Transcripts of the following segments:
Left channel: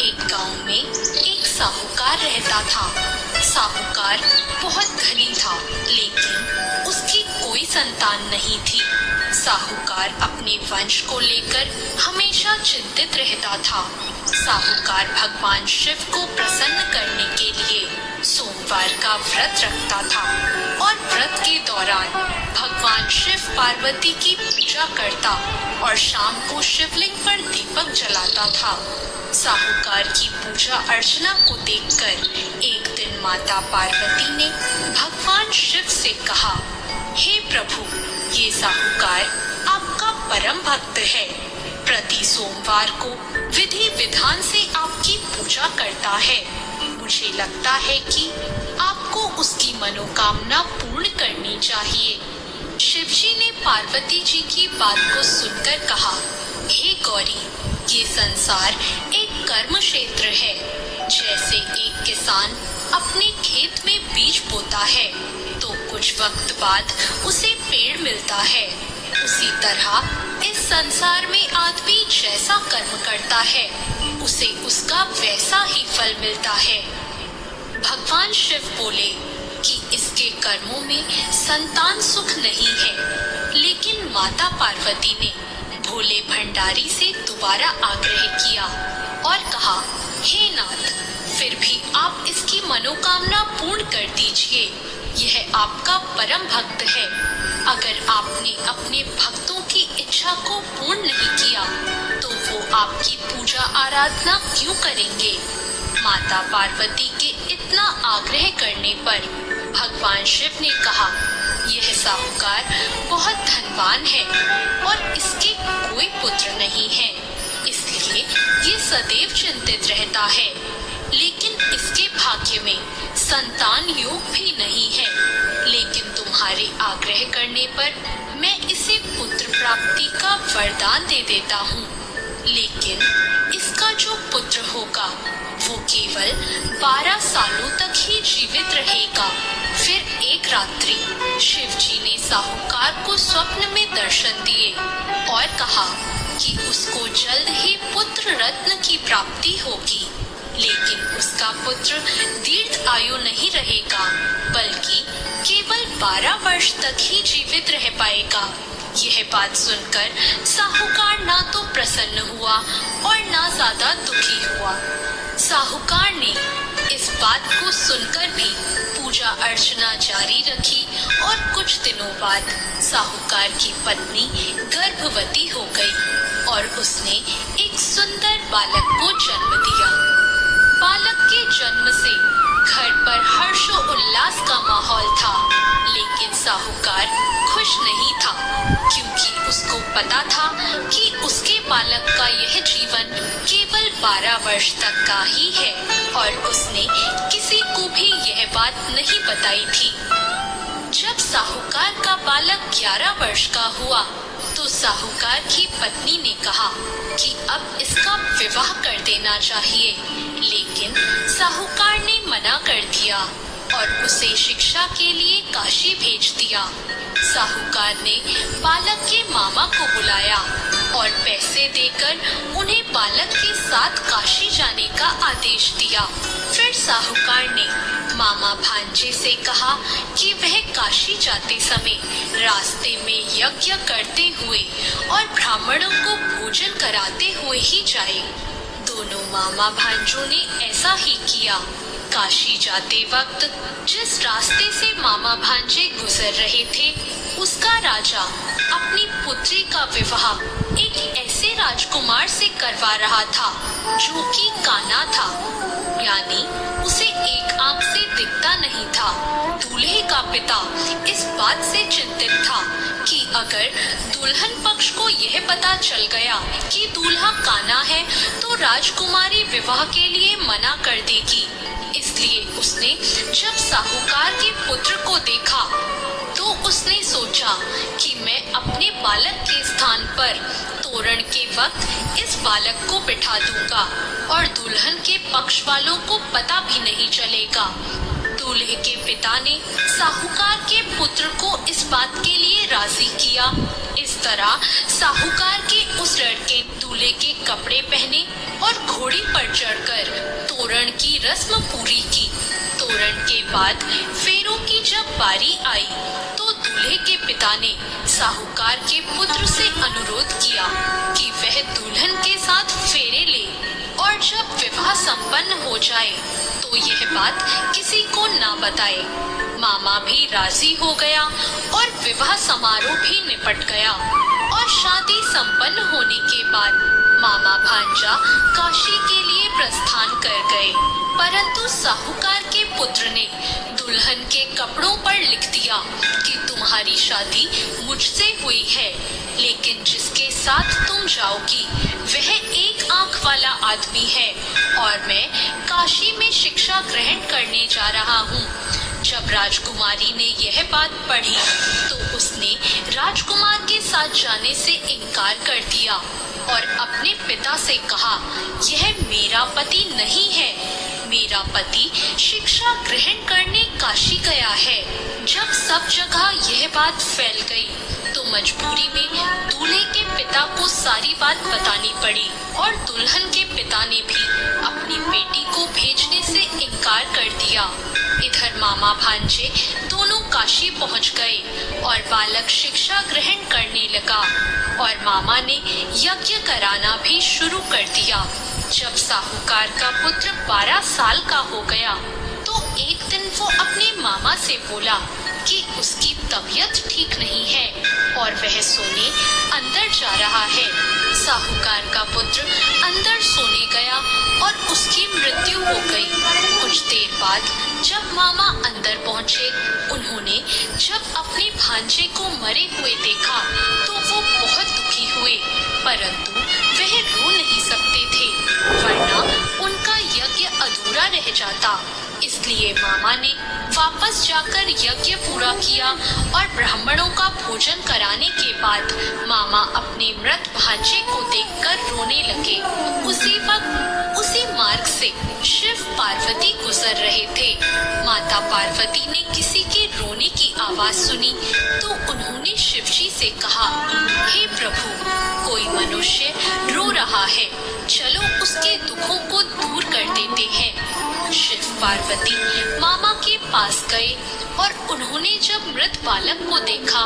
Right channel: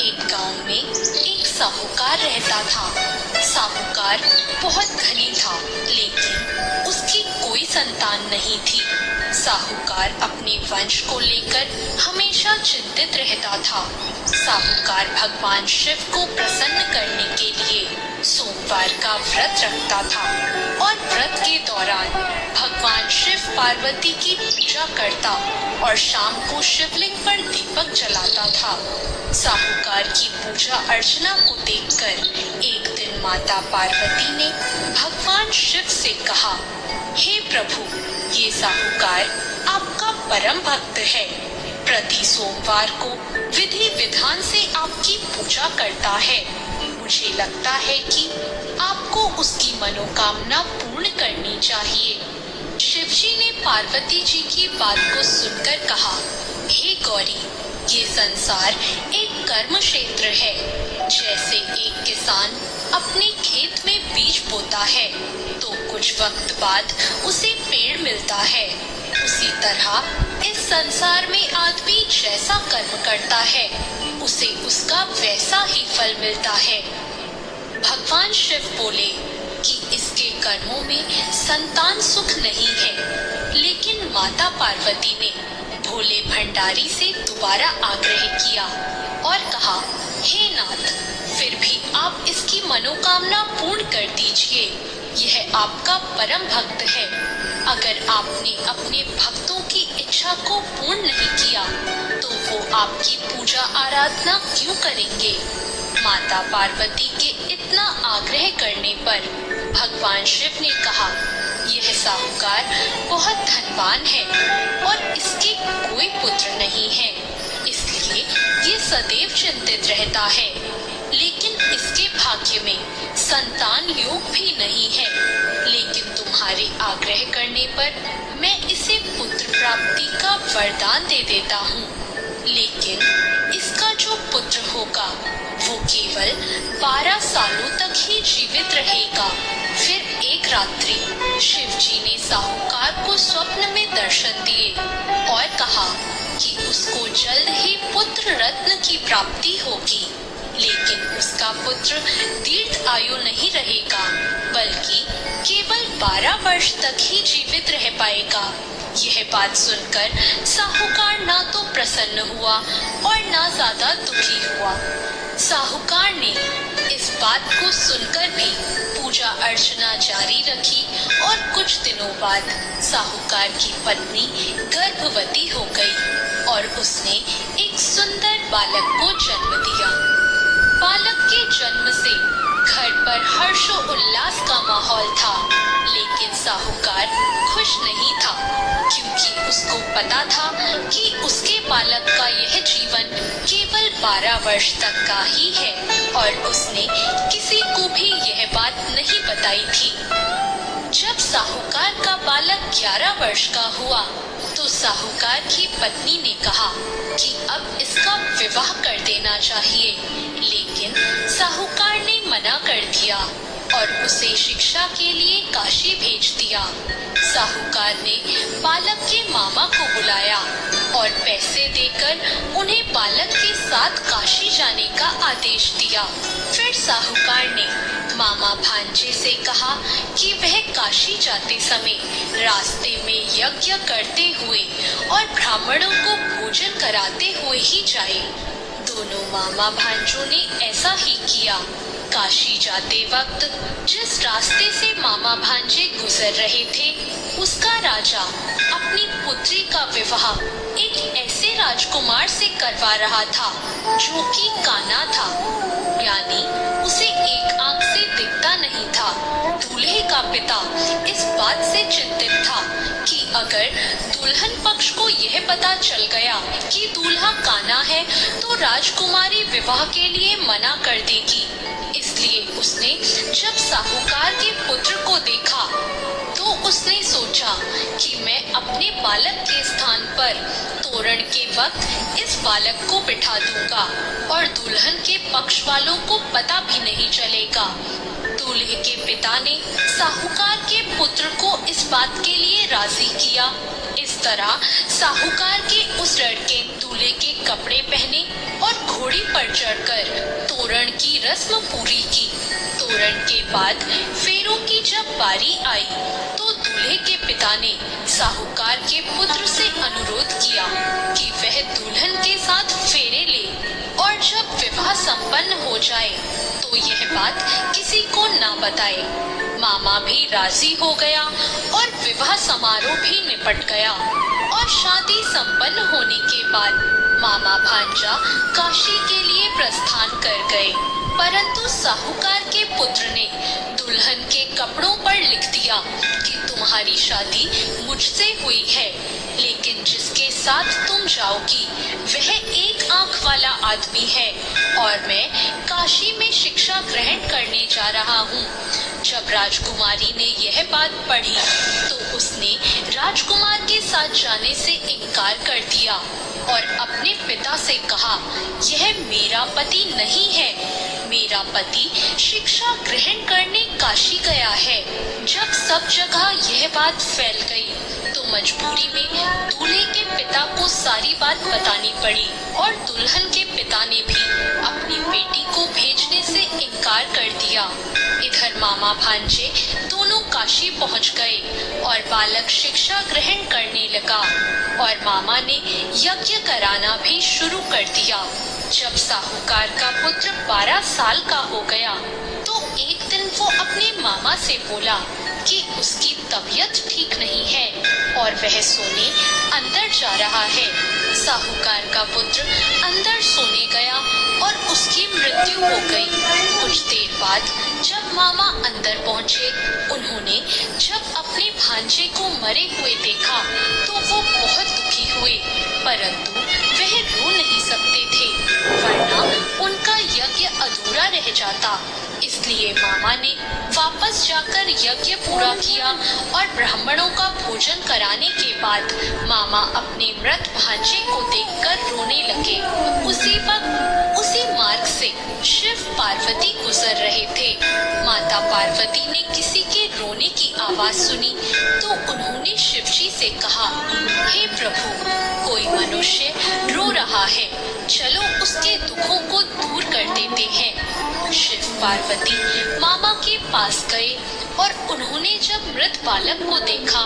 एक गांव में एक साहूकार रहता था। साहूकार बहुत धनी था, लेकिन उसकी कोई संतान नहीं थी। साहूकार अपने वंश को लेकर हमेशा चिंतित रहता था। साहूकार भगवान शिव को प्रसन्न करने के लिए सोमवार का व्रत रखता था और व्रत के दौरान भगवान शिव पार्वती की पूजा करता और शाम को शिवलिंग पर दीपक जलाता था। साहूकार की पूजा अर्चना को देखकर एक दिन माता पार्वती ने भगवान शिव से कहा, हे प्रभु, ये साहूकार आपका परम भक्त है। प्रति सोमवार को विधि विधान से आपकी पूजा करता है। मुझे लगता है कि आपको उसकी मनोकामना पूर्ण करनी चाहिए। शिवजी ने पार्वती जी की बात को सुनकर कहा, हे गौरी, ये संसार एक कर्म क्षेत्र है। जैसे एक किसान अपने खेत में बीज बोता है तो कुछ वक्त बाद उसे पेड़ मिलता है, उसी तरह इस संसार में आदमी जैसा कर्म करता है उसे उसका वैसा ही फल मिलता है। भगवान शिव बोले कि इसके कर्मों में संतान सुख नहीं है, लेकिन माता पार्वती ने भोले भंडारी से दोबारा आग्रह किया और कहा, हे नाथ, फिर भी आप इसकी मनोकामना पूर्ण कर दीजिए। यह आपका परम भक्त है। अगर आपने अपने भक्तों की इच्छा को पूर्ण नहीं किया तो वो आपकी पूजा आराधना क्यों करेंगे? माता पार्वती के इतना आग्रह करने पर भगवान शिव ने कहा, यह साहूकार बहुत धनवान है और इसके कोई पुत्र नहीं है, इसलिए ये सदैव चिंतित रहता है। लेकिन इसके भाग्य में संतान योग भी नहीं है। लेकिन तुम्हारे आग्रह करने पर मैं इसे पुत्र प्राप्ति का वरदान दे देता हूँ। लेकिन इसका जो पुत्र होगा वो केवल 12 सालों तक ही जीवित रहेगा। फिर एक रात्रि शिवजी ने साहूकार को स्वप्न में दर्शन दिए और कहा कि उसको जल्द ही पुत्र रत्न की प्राप्ति होगी, लेकिन उसका पुत्र दीर्घ आयु नहीं रहेगा, बल्कि केवल 12 वर्ष तक ही जीवित रह पाएगा। यह बात सुनकर साहूकार ना तो प्रसन्न हुआ और ना ज्यादा दुखी हुआ। साहूकार ने इस बात को सुनकर भी पूजा अर्चना जारी रखी और कुछ दिनों बाद साहूकार की पत्नी गर्भवती हो गई और उसने एक सुंदर बालक को जन्म दिया। बालक के जन्म से घर पर हर्षोल्लास का माहौल था, लेकिन साहूकार खुश नहीं था, क्योंकि उसको पता था कि उसके बालक का यह जीवन केवल 12 वर्ष तक का ही है और उसने किसी को भी यह बात नहीं बताई थी। जब साहूकार का बालक 11 वर्ष का हुआ तो साहूकार की पत्नी ने कहा कि अब इसका विवाह कर देना चाहिए, लेकिन साहूकार ने मना कर दिया और उसे शिक्षा के लिए काशी भेज दिया। साहूकार ने बालक के मामा को बुलाया और पैसे देकर उन्हें बालक के साथ काशी जाने का आदेश दिया। फिर साहूकार ने मामा भांजे से कहा कि वह काशी जाते समय रास्ते में यज्ञ करते हुए और ब्राह्मणों को भोजन कराते हुए ही जाए। दोनों मामा भांजों ने ऐसा ही किया। काशी जाते वक्त जिस रास्ते से मामा भांजे गुजर रहे थे, उसका राजा अपनी पुत्री का विवाह एक ऐसे राजकुमार से करवा रहा था जो कि काना था, यानी उसे एक आंख से दिखता नहीं था। दूल्हे का पिता इस बात से चिंतित था कि अगर दुल्हन पक्ष को यह पता चल गया कि दूल्हा काना है तो राजकुमारी विवाह के लिए मना कर देगी। इसलिए उसने जब साहूकार के पुत्र को देखा तो उसने सोचा कि मैं अपने बालक के स्थान पर तोरण के वक्त इस बालक को बिठा दूंगा और दुल्हन के पक्ष वालों को पता भी नहीं चलेगा। दूल्हे के पिता ने साहूकार के पुत्र को इस बात के लिए राजी किया। इस तरह साहूकार के उस लड़के दूल्हे के कपड़े पहने और घोड़ी पर चढ़कर तोरण की रस्म पूरी की। तोरण के बाद फेरों की जब बारी आई तो दूल्हे के पिता ने साहूकार के पुत्र से अनुरोध किया कि वह दुल्हन के साथ फेरे ले और जब विवाह संपन्न हो जाए तो यह बात किसी को ना बताए। मामा भी राजी हो गया और विवाह समारोह भी निपट गया और शादी संपन्न होने के बाद मामा भांजा काशी के लिए प्रस्थान कर गए। परंतु साहूकार के पुत्र ने दुल्हन के कपड़ों पर लिख दिया कि तुम्हारी शादी मुझसे हुई है, लेकिन जिसके साथ तुम जाओगी वह एक आंख वाला आदमी है और मैं काशी में शिक्षा ग्रहण करने जा रहा हूँ। जब राजकुमारी ने यह बात पढ़ी तो उसने राजकुमार के साथ जाने से इनकार कर दिया और अपने पिता से कहा, यह मेरा पति नहीं है, मेरा पति शिक्षा ग्रहण करने काशी गया है। जब सब जगह यह बात फैल गई तो मजबूरी में दूल्हे के पिता को सारी बात बतानी पड़ी और दुल्हन के पिता ने भी अपनी बेटी को भेजने से इनकार कर दिया। इधर मामा भांजे दोनों काशी पहुंच गए और बालक शिक्षा ग्रहण करने लगा और मामा ने यज्ञ कराना भी शुरू कर दिया। जब साहूकार का पुत्र 12 साल का हो गया तो एक दिन वो अपने मामा से बोला कि उसकी तबीयत ठीक नहीं है और वह सोने अंदर जा रहा है। साहूकार का पुत्र अंदर सोने गया और उसकी मृत्यु हो गई। कुछ देर बाद जब मामा अंदर पहुंचे, उन्होंने जब अपने भांजे को मरे हुए देखा तो वो बहुत दुखी हुए, परंतु वह रो नहीं सकते थे वरना उनका यज्ञ अधूरा रह जाता। इसलिए मामा ने वापस जाकर यज्ञ पूरा किया और ब्राह्मणों का भोजन कराने के बाद मामा अपने मृत भांजे को देखकर रोने लगे। उसी वक्त उसी मार्ग से शिव पार्वती गुजर रहे थे। माता पार्वती ने किसी के रोने की आवाज सुनी तो उन्होंने शिवजी से कहा, हे प्रभु, कोई मनुष्य रो रहा है, चलो उसके दुखों को दूर कर देते हैं। शिव पार्वती मामा के पास गए और उन्होंने जब मृत बालक को देखा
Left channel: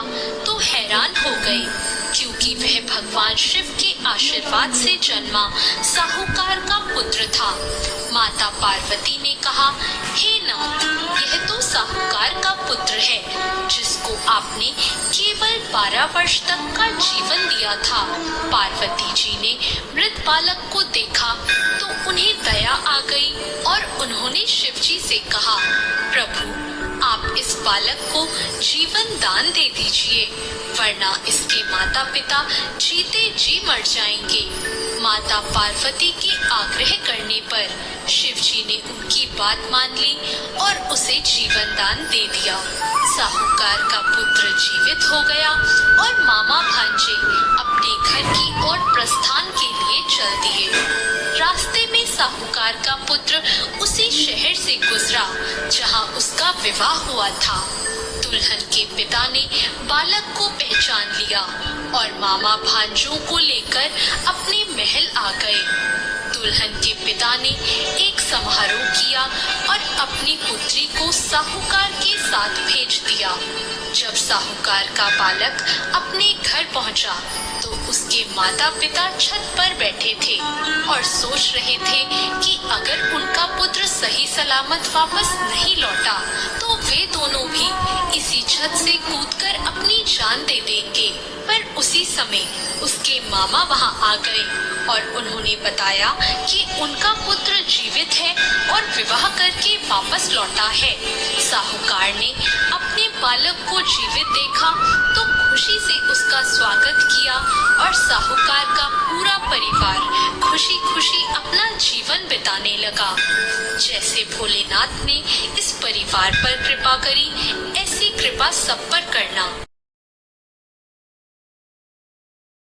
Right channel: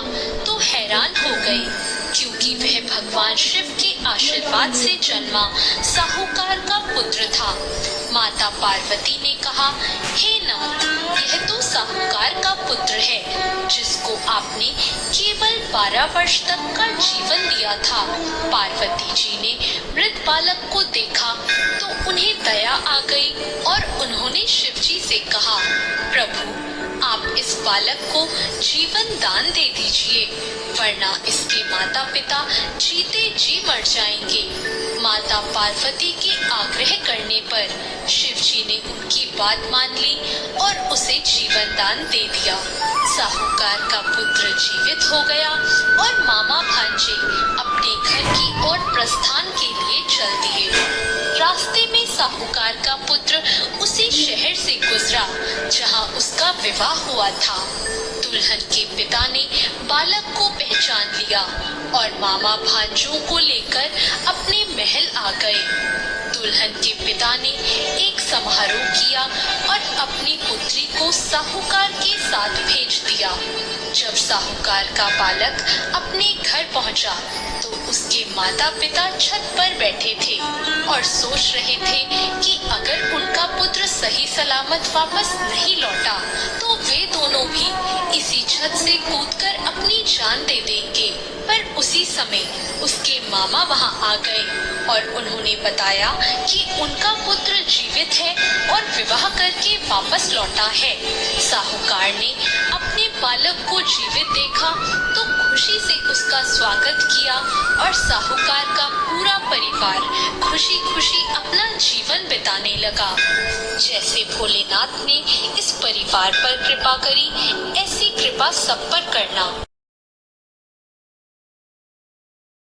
तो हैरान हो गए, क्योंकि वह भगवान शिव के आशीर्वाद से जन्मा साहूकार का पुत्र था। माता पार्वती ने कहा, हे नाथ, यह तो साहूकार का पुत्र है जिसको आपने केवल 12 वर्ष तक का जीवन दिया था। पार्वती जी ने मृत बालक को देखा तो उन्हें दया आ गई और उन्होंने शिवजी से कहा, प्रभु, आप इस बालक को जीवन दान दे दीजिए, वरना इसके माता पिता जीते जी मर जाएंगे। माता पार्वती के आग्रह करने पर शिवजी ने उनकी बात मान ली और उसे जीवन दान दे दिया। साहूकार का पुत्र जीवित हो गया और मामा भांजे अपने घर की ओर प्रस्थान के लिए चल दिए। रास्ते में साहूकार का पुत्र उसी शहर से गुजरा जहां उसका विवाह हुआ था। दुल्हन के पिता ने बालक को पहचान लिया और मामा भांजों को लेकर अपने महल आ गए। दुल्हन के पिता ने एक समारोह किया और अपनी पुत्री को साहूकार के साथ भेज दिया। जब साहूकार का बालक अपने घर पहुंचा तो उसके माता पिता छत पर बैठे थे और सोच रहे थे कि अगर उनका पुत्र सही सलामत वापस नहीं लौटा तो वे दोनों भी इसी छत से कूदकर अपनी जान दे देंगे। पर उसी समय उसके मामा वहां आ गए और उन्होंने बताया कि उनका पुत्र जीवित है और विवाह करके वापस लौटा है। साहूकार ने अपने बालक को जीवित देखा तो खुशी से उसका स्वागत किया और साहूकार का पूरा परिवार खुशी खुशी अपना जीवन बिताने लगा। जैसे भोलेनाथ ने इस परिवार पर कृपा करी, ऐसी कृपा सब पर करना।